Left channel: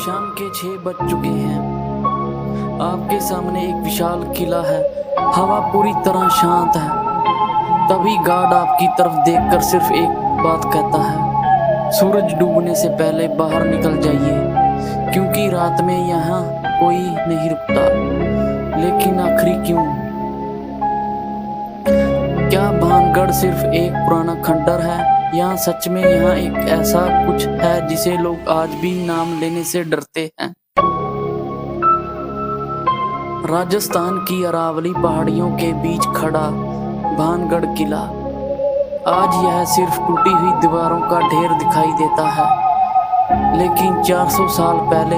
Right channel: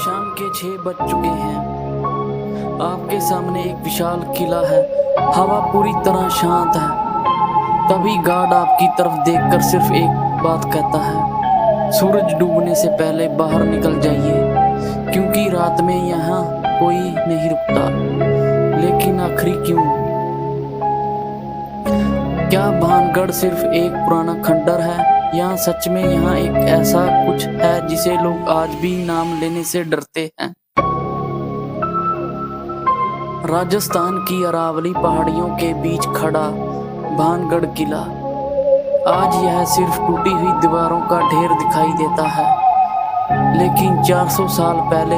शाम के 6 बज चुके हैं। आपके सामने एक विशाल किला है। हवा पूरी तरह शांत है। तभी गार्ड आपकी तरफ देखकर सिर्फ एक बात कहता है, सूरज डूबने से पहले बाहर निकल जाइए, क्योंकि रात में यहाँ कोई नहीं रुकता। लेकिन आखिरी क्यों? क्या भानगढ़ सिर्फ एक पुराना खंडर है, या सच में यहाँ एक ऐसा कुछ है जिसे लोग आज भी नाम लेने से डरते हैं? राजस्थान की अरावली पहाड़ियों के बीच खड़ा भानगढ़ किला, आज यह सिर्फ टूटी हुई दीवारों का ढेर दिखाई देता है। लेकिन 400 साल पहले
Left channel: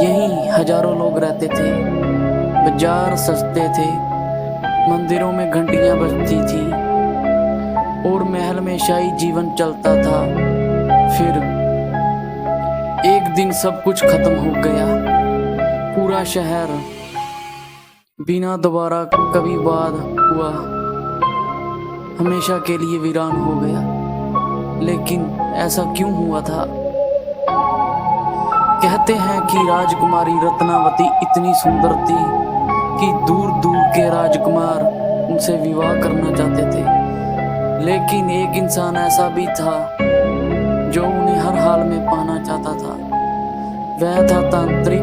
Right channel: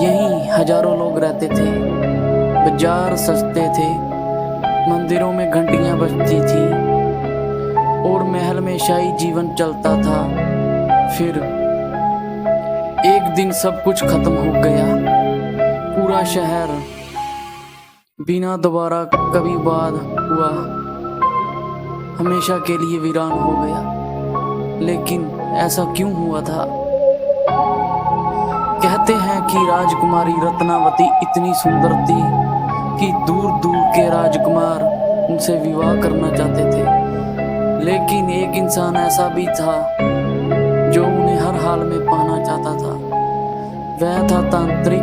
यहीं हजारों लोग रहते थे। बाजार सजते थे, मंदिरों में घंटियां बजती थी और महल में शाही जीवन चलता था। फिर एक दिन सब कुछ खत्म हो गया। पूरा शहर बिना दोबारा कभी बात हुआ हमेशा के लिए वीरान हो गया। लेकिन ऐसा क्यों हुआ था? कहते हैं कि राजकुमारी रत्नावती इतनी सुंदर थी कि दूर दूर के राजकुमार उनसे विवाह करना चाहते थे। लेकिन एक इंसान ऐसा भी था जो उन्हें हर हाल में पाना चाहता था। वह था तांत्रिक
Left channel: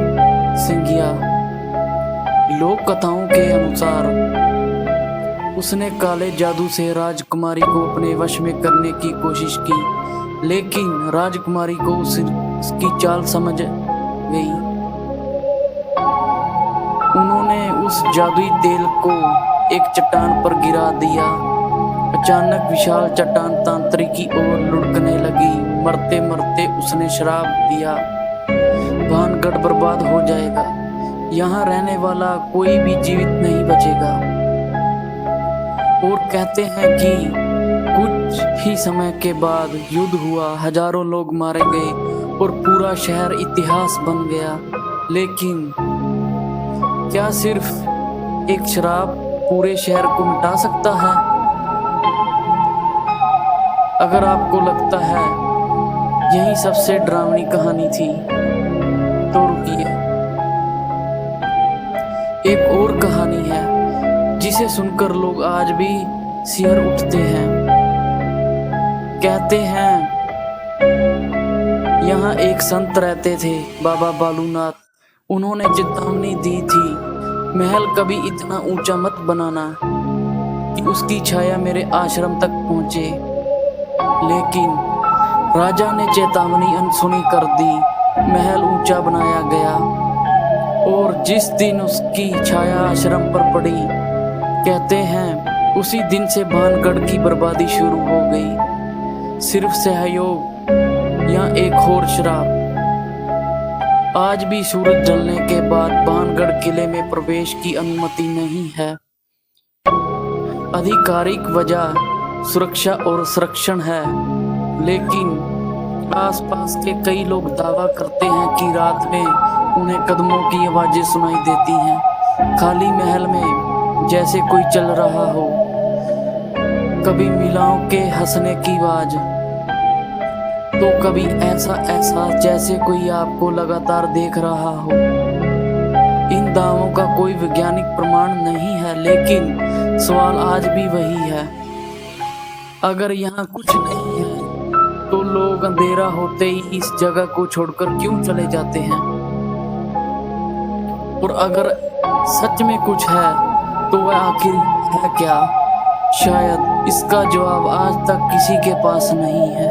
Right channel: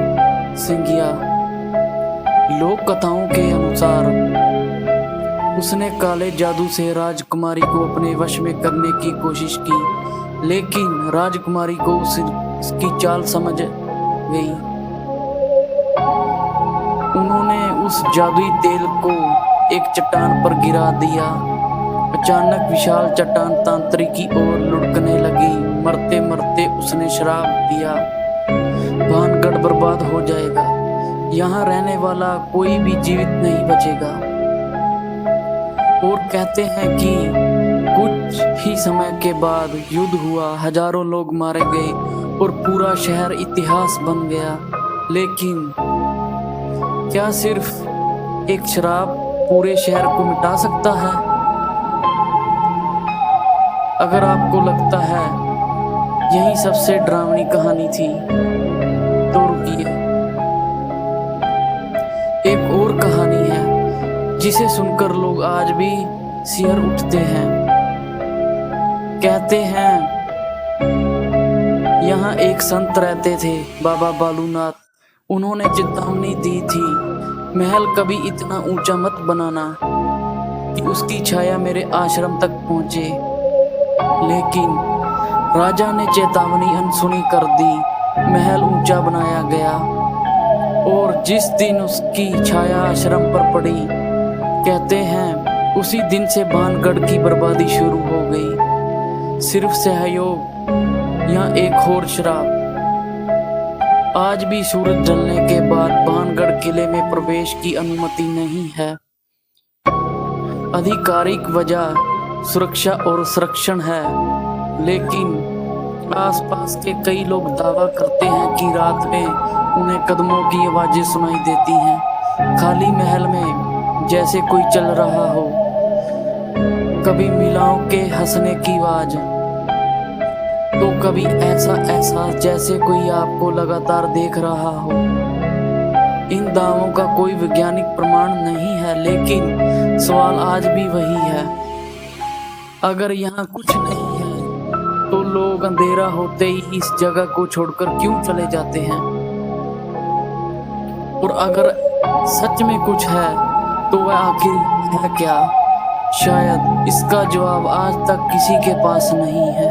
सिंघिया। लोक कथाओं के अनुसार उसने काले जादू से राजकुमारी को अपने वश में करने की कोशिश की, लेकिन राजकुमारी को उसकी चाल समझ गई। उन्होंने उस जादुई तेल को एक चट्टान पर गिरा दिया। अचानक विशाल चट्टान तांत्रिक की ओर लुढ़कने लगी। मरते मरते उसने श्राप दिया, भानगढ़ बर्बाद हो जाएगा, यहाँ रहने वाला कोई भी जीवित नहीं बचेगा। और कहते हैं कि कुछ ही समय के बाद युद्ध हुआ, हजारों लोग मारे गए और पूरा शहर इतिहास बन गया। लेकिन क्या सिर्फ एक श्राप पूरे शहर को मिटा सकता है? अगर आपको लगता है यही सबसे डरावनी कहानी थी, तो रुकिए, एक और कहानी है जिसे सुनकर लोग आज भी सिहर उठते हैं। कहते हैं यहाँ एक संत रहते थे, बाबा बालूनाथ। उन्होंने चेतावनी दी थी, महल कभी इतना ऊंचा मत बनाना कि उसकी छाया मेरे आश्रम तक पहुंचे। लेकिन राजा ने चेतावनी अनसुनी कर दी। महल ऊंचा बनाया गया और जिस दिन उसकी छाया आश्रम पर पड़ी, कहते हैं उसी दिन से भानगढ़ की बर्बादी शुरू हो गई। सिर्फ सहयोग या एक और श्राप। आज भी सूरज ढलने के बाद भानगढ़ किले में प्रवेश की अनुमति नहीं है। आधिकारिक वजह सुरक्षा और संरक्षण है, लेकिन आसपास के कई लोग दावा करते हैं कि रात में उन्हें कदमों की आवाजें सुनाई देती हैं, खाली महल में जैसे कोई चल रहा हो। कभी मिलाओं के हंसने की आवाज, तो कभी ऐसा एहसास जैसे कोई आपको लगातार देख रहा हो। इन दावों का कोई वैज्ञानिक प्रमाण नहीं है, लेकिन सवाल आज भी वही है, अगर यहाँ कुछ नहीं है तो लोग अंधेरा होते ही इस जगह को छोड़कर क्यों चले जाते हैं? और अगर सच में कुछ है तो वह आखिर है क्या? शायद इसका जवाब आज तक किसी के पास नहीं है।